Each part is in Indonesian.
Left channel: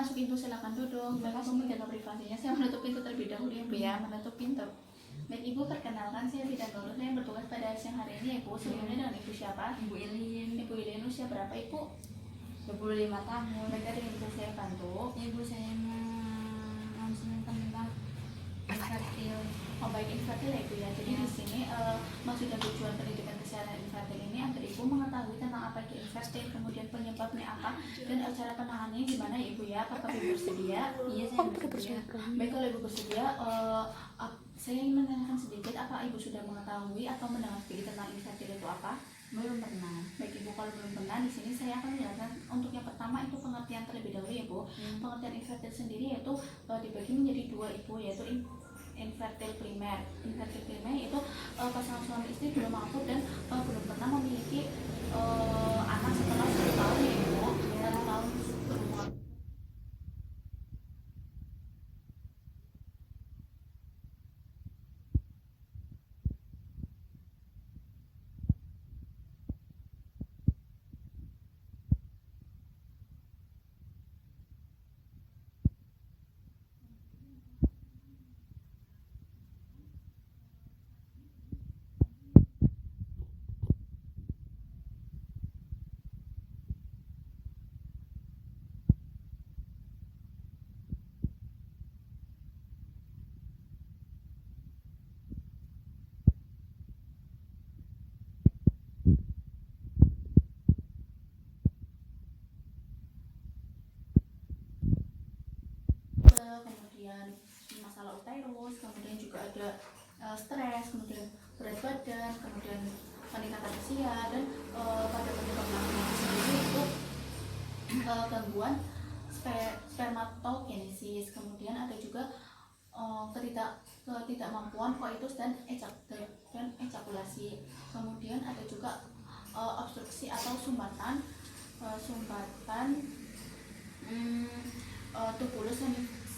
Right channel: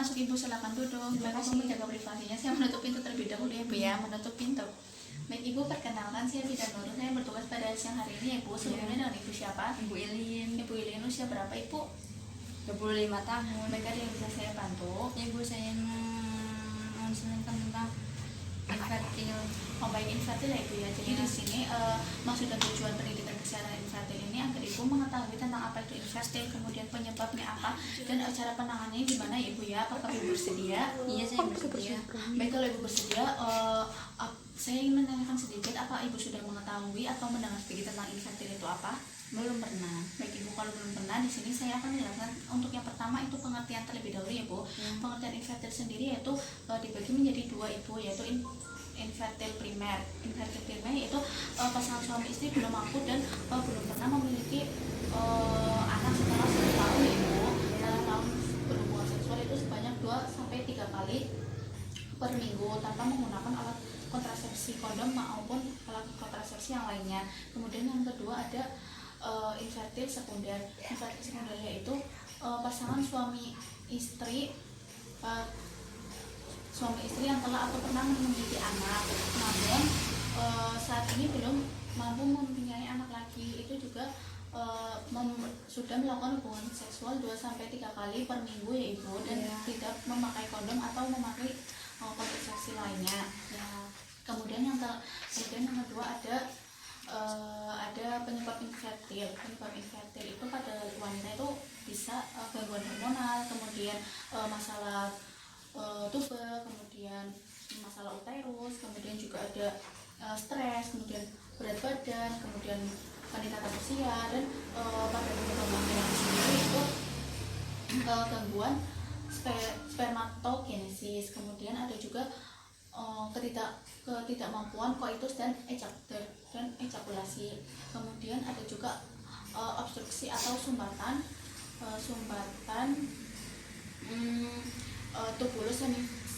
masuk Ibu, silakan duduk. Terima kasih. Menjaga privasinya, saya menutup pintu terlebih dahulu ya Bu ya, menutup pintu. Baik Ibu, perkenalkan saya Vida Nurul, saya bertugas pada siang hari ini ya Bu. Sebelumnya dengan Ibu siapa? Ibu Ilin, Ibu Ilin, usia berapa Ibu? 25 tahun. Baik, ada yang bisa saya bantu? Ibu saya menjelaskan tentang infertil. Oh baik, infertil ya Ibu ya. Jadi di sini maksud dan tujuan pendidikan kesehatan infertil ini agar Ibu mengetahui tentang apa itu infertil, kemudian penyebabnya apa, dan cara penanganannya gimana ya Ibu ya. Apakah Ibu bersedia? Iya, saya bersedia. Baik, kalau Ibu bersedia, saya ingin menanyakan sedikit, apa Ibu sudah mengetahui atau mendengar sedikit tentang infertil itu apa? Belum pernah. Baik Ibu, kalau belum pernah, di sini saya akan menjelaskan untuk yang pertama itu pengertian terlebih dahulu ya Bu. Pengertian infertil sendiri yaitu dibagi menjadi dua Ibu, yaitu infertil primer. Infertil primer yaitu pasangan suami istri belum mampu dan belum pernah memiliki anak setelah 1 tahun ya Ibu. 1 tahun berhubungan seksual itu sebanyak 2 sampai 3 kali per minggu tanpa menggunakan alat kontrasepsi kondom maupun alat kontrasepsi yang lainnya. Kemudian yang kedua ada infertil sekunder. Infertil sekunder yaitu pasangan suami istri yang telah atau pernah memiliki anak, namun saat ini belum mampu mempunyai anak lagi. Itu juga sudah melakukan hubungan seksual 2 sampai 3 kali per minggu ya Ibu, dan tidak memakai kondom atau memakai kontrasepsi lainnya. Kemudian yang kedua ada penyebab infertil. Penyebab infertil itu pada wanita itu bisa gangguan hormonal, kemudian masalah tuba, kemudian masalah uterus, kemudian juga ada stres, kemudian berat badan, kemudian peningkatan usia, dan pada penyebab laki-laki sendiri itu gangguan spermatogenesis. Kemudian ada juga ketidakmampuan koitus dan ejakulasi. Kemudian ada juga obstruksi atau sumbatan tubulus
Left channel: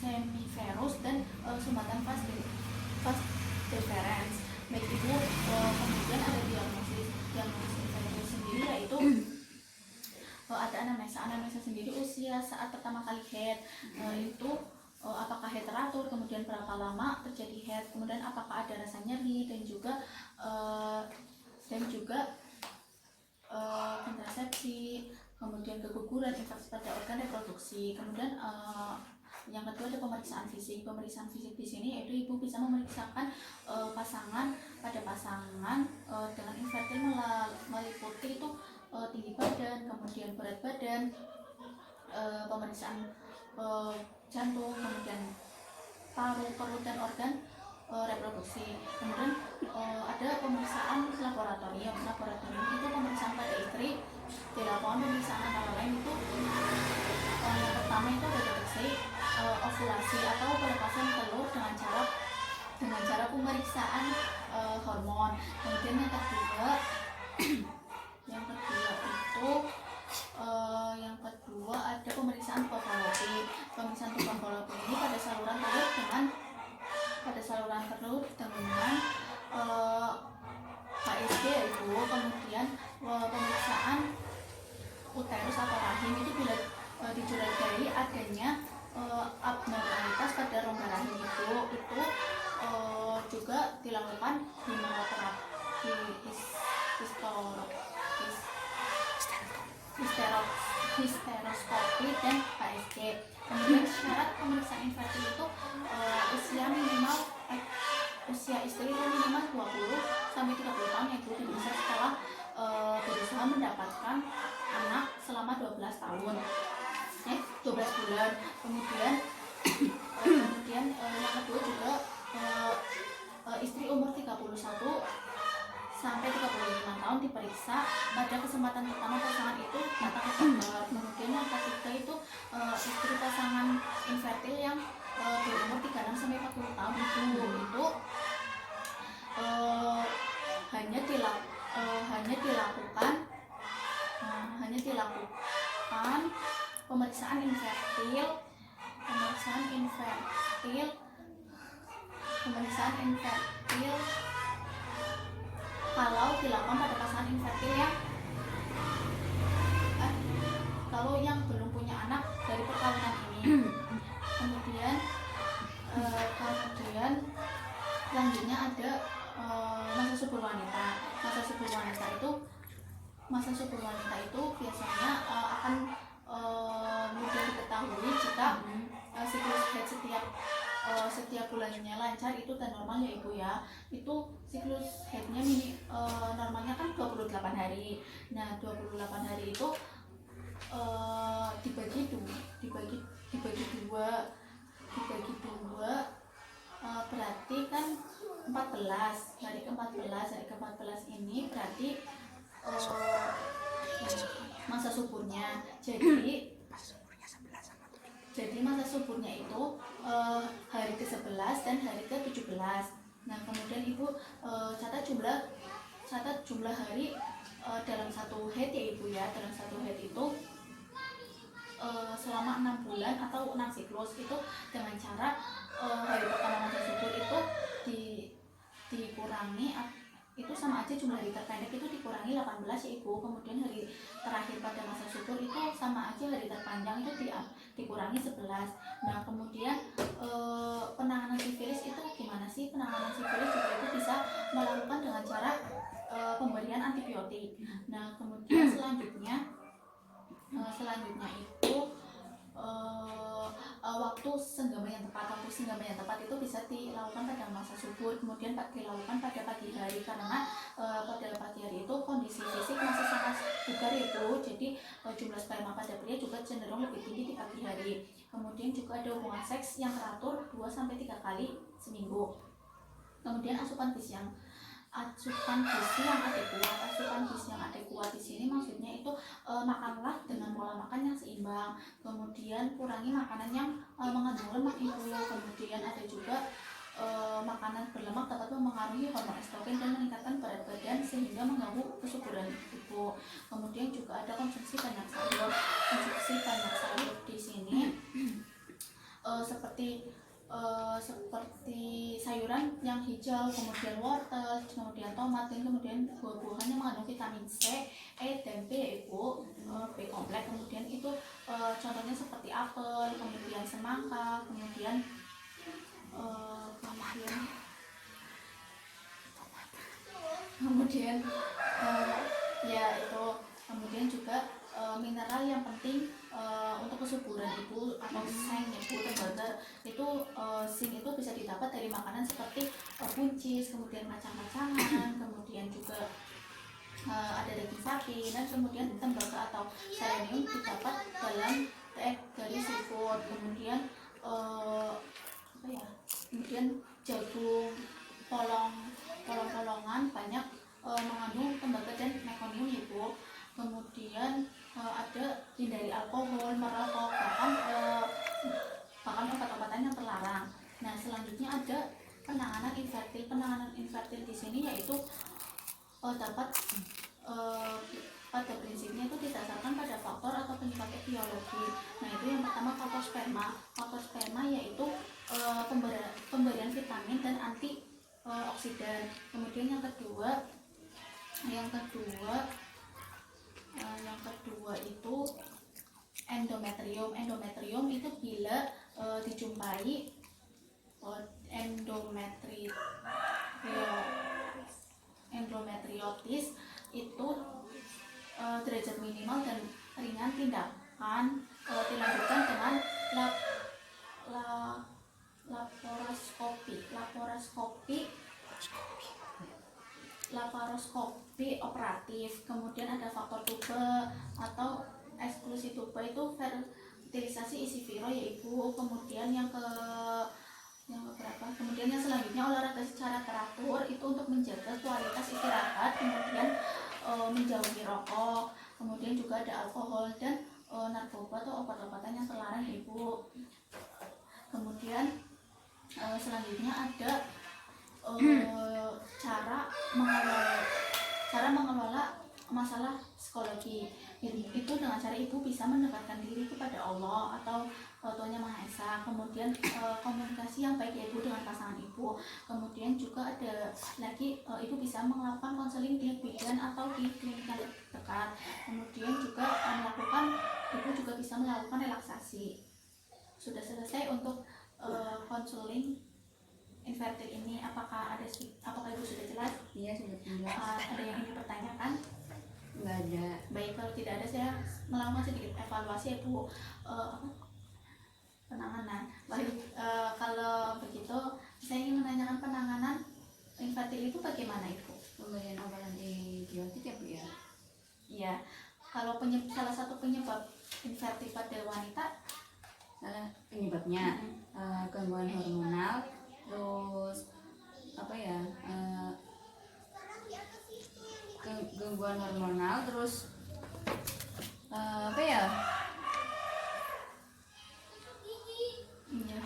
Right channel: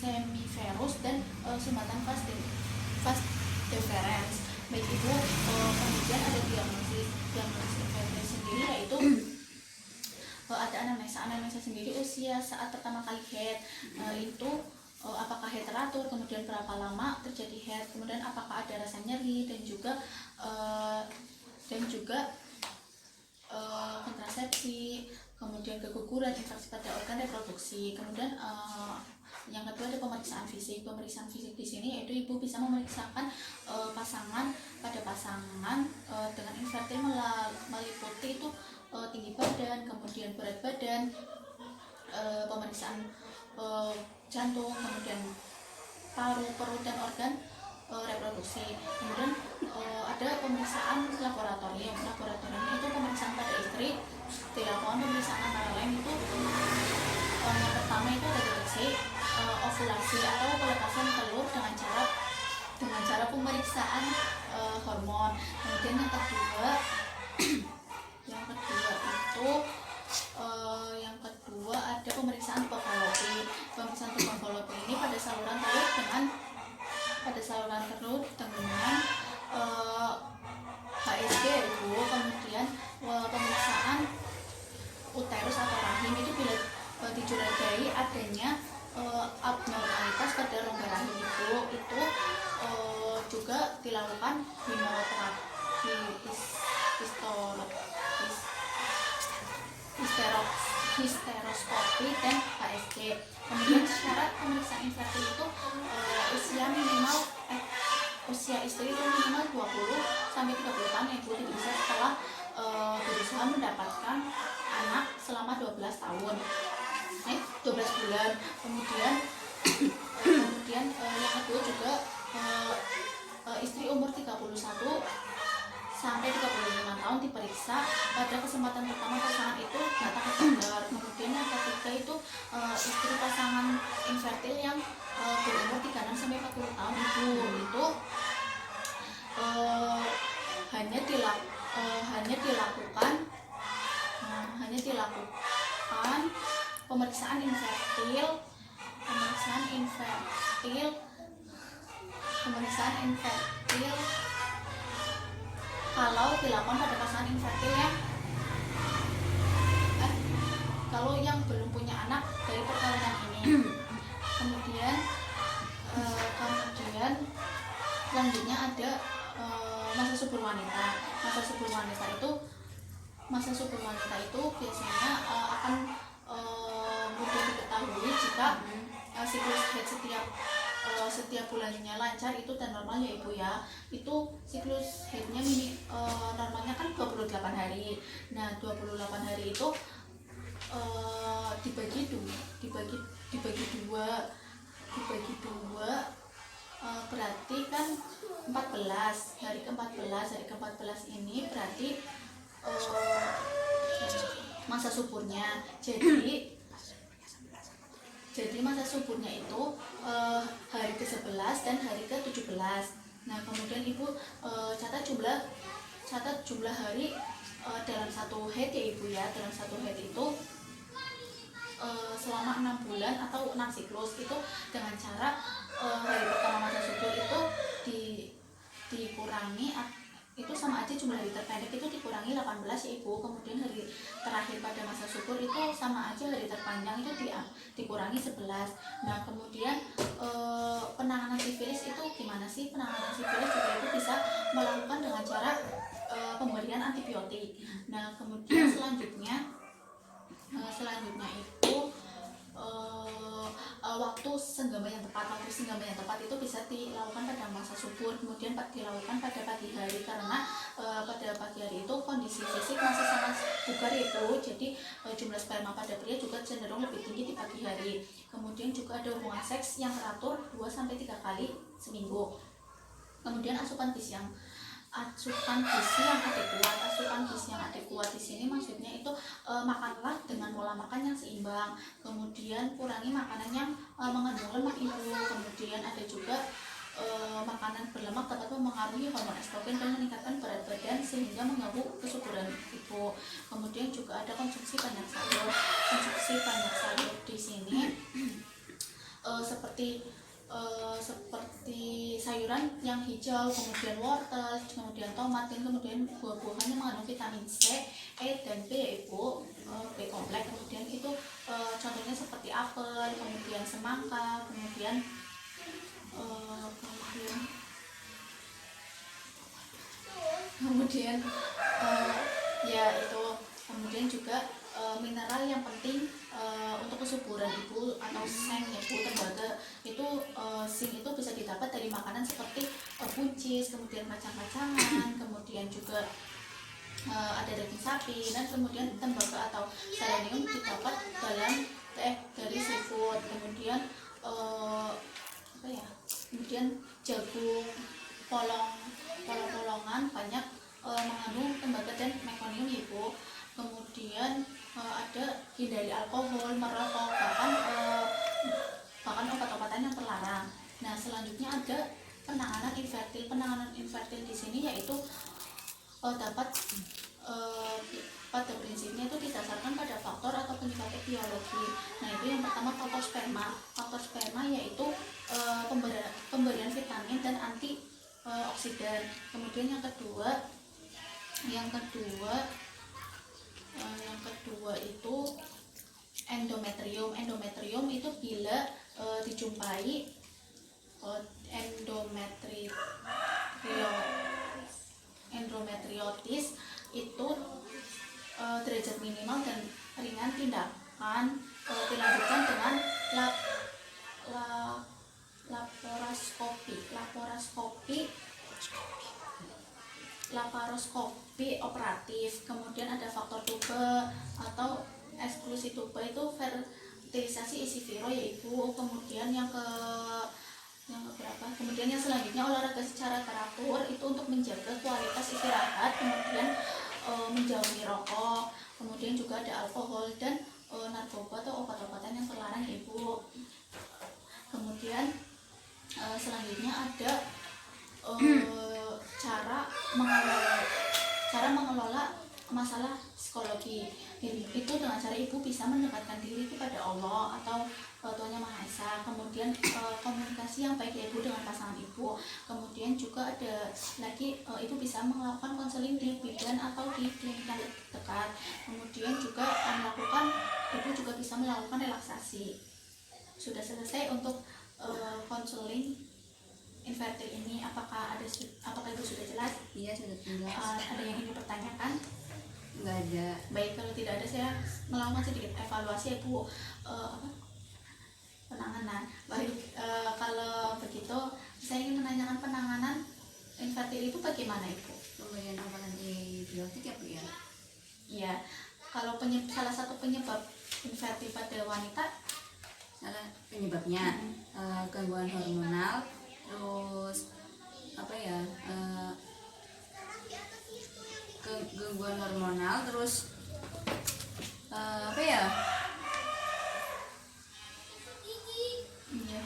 semiferus dan sumbatan vas deferens. Baik Ibu, kemudian ada diagnosis infertil sendiri yaitu ada anamnesa sendiri usia saat pertama kali head, itu apakah head teratur, kemudian berapa lama terjadi head, kemudian apakah ada rasa nyeri, dan juga kontrasepsi, kemudian keguguran, infeksi pada organ reproduksi. Kemudian yang kedua ada pemeriksaan fisik. Pemeriksaan fisik di sini yaitu Ibu bisa memeriksakan pasangan dengan infertil meliputi itu tinggi badan, kemudian berat badan, pemeriksaan jantung, kemudian paru, perut, dan organ reproduksi. Kemudian ada pemeriksaan laboratorium. Laboratorium itu pemeriksaan pada istri, dilakukan pemeriksaan antara lain itu yang pertama itu ada deteksi ovulasi atau pelepasan telur dengan cara pemeriksaan hormon. Kemudian yang kedua ada pemeriksaan tuberkulosis. Pemeriksaan tuberkulosis ini pada saluran telur dengan HSG Ibu. Kemudian pemeriksaan uterus atau rahim itu bila dicurigai adanya abnormalitas pada rongga rahim itu juga dilakukan histeroskopi dan HSG. Kemudian syarat pemeriksaan infertil itu usia istri itu minimal 20 sampai 30 tahun ya Bu, tidak bisa setelah berusaha mendapatkan anak selama 12 bulan. Kemudian yang kedua juga istri umur 31 sampai 35 tahun diperiksa pada kesempatan pertama pasangan itu datang ke dokter. Kemudian yang ketiga itu istri pasangan infertil yang berumur 36 sampai 40 tahun itu hanya dilakukan pemeriksaan infertil kalau dilakukan pada pasangan infertil kalau yang belum punya anak dari perkawinan ini. Kemudian selanjutnya ada masa subur wanita. Masa subur wanita itu biasanya akan mudah diketahui jika siklus haid setiap bulannya lancar itu dan normal ya ibu ya. Itu siklus haidnya normalnya kan 28 hari. Nah 28 hari itu dibagi dua berarti kan 14 hari ke-14 ini berarti masa suburnya. Jadi masa suburnya itu hari ke-11 dan hari ke-17. Nah kemudian ibu catat jumlah hari dalam satu haid ya ibu ya. Dalam satu haid itu selama 6 bulan atau 6 siklus itu dengan cara hari pertama masa subur itu dikurangi itu sama aja jumlah hari terpendek itu dikurangi 18 ya ibu. Kemudian hari terakhir pada masa subur itu sama aja hari terpanjang itu dikurangi 11. Nah kemudian penanganan sifilis itu gimana sih? Penanganan sifilis juga itu bisa melakukan dengan cara pemberian antibiotik. Nah kemudian selanjutnya itu waktu senggama yang tepat itu bisa dilakukan pada masa subur, kemudian dilakukan pada pagi hari karena pada pagi hari itu kondisi fisik masih sangat bugar itu, jadi jumlah sperma pada pria juga cenderung lebih tinggi di pagi hari. Kemudian juga ada hubungan seks yang teratur 2-3 kali seminggu. Kemudian asupan gizi yang adekuat di sini maksudnya itu makanlah dengan pola makan yang seimbang, kemudian kurangi makanan yang mengandung lemak ibu. Kemudian ada juga makanan berlemak dapat mempengaruhi hormon estrogen dan meningkatkan berat badan sehingga mengganggu kesuburan ibu. Kemudian juga ada konsumsi banyak sayur di sini seperti sayuran yang hijau, kemudian wortel, kemudian tomat, dan kemudian buah-buahan yang mengandung vitamin C, E, dan B ya ibu, B kompleks. Kemudian itu contohnya seperti apel, kemudian semangka, kemudian ya itu, kemudian juga mineral yang penting untuk kesuburan ibu atau seng ya bu, tembaga itu zinc itu bisa didapat dari makanan seperti buncis, kemudian kacang-kacangan, kemudian juga ada daging sapi, dan kemudian tembaga atau selenium didapat dari seafood. Kemudian kemudian jagung, polongan banyak mengandung tembaga dan mekonium ya bu. Kemudian ada hindari alkohol, merokok, bahkan obat-obatan yang terlarang. Nah selanjutnya ada penanganan infertil di sini yaitu dapat pada prinsipnya itu didasarkan pada faktor atau penyebab etiologi. Nah itu yang pertama faktor sperma yaitu pemberian vitamin dan antioksidan. Kemudian yang kedua itu endometrium itu bila dijumpai endometriotis itu derajat minimal dan ringan, tindakan dilanjutkan dengan laparoskopi operatif. Kemudian ada faktor tuba atau eksklusi tuba itu fertilisasi isi viro ya ibu. Kemudian yang selanjutnya olahraga secara teratur itu untuk menjaga kualitas istirahat, kemudian menjauhi rokok. Kemudian juga ada alkohol dan narkoba atau obat-obatan yang terlarang ya ibu. Kemudian selanjutnya ada cara mengelola masalah psikologi itu dengan cara ibu bisa mendekatkan diri kepada Allah atau Tuhan Yang Maha Esa. Kemudian komunikasi yang baik ya ibu dengan pasangan ibu. Kemudian juga ada lagi ibu bisa melakukan konseling di bidan atau di klinik yang dekat. Kemudian juga ibu juga bisa melakukan relaksasi. sudah selesai untuk konseling infertil ini. Apakah ibu sudah jelas? Iya, sudah jelas. Ada yang ingin dipertanyakan? Nggak ada. Baik, kalau tidak ada saya melakukan sedikit evaluasi ibu penanganan. Baik, kalau begitu saya ingin menanyakan penanganan infertil itu bagaimana ibu? Pemberian obat antibiotik ya Bu ya. Iya, kalau salah satu penyebab infertil pada wanita, Salah penyebabnya gangguan hormonal, terus apa ya? Gangguan hormonal, terus apa ya? iya,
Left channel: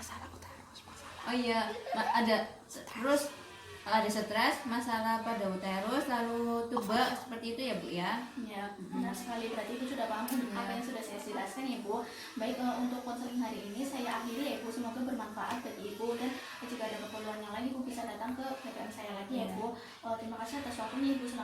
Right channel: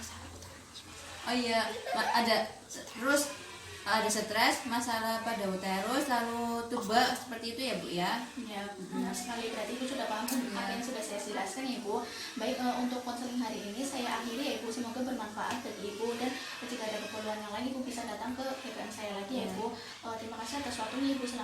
Oh iya, ada terus ada stres, masalah pada uterus, lalu tuba, seperti itu ya Bu ya. ya benar sekali. Berarti ibu sudah paham apa yang sudah saya jelaskan ya Bu. Baik, untuk konseling hari ini saya akhiri ya ibu. Semoga bermanfaat bagi ibu, dan jika ada keperluan yang lain ibu bisa datang ke BPM saya lagi ya Bu. Terima kasih atas waktunya ibu. Selamat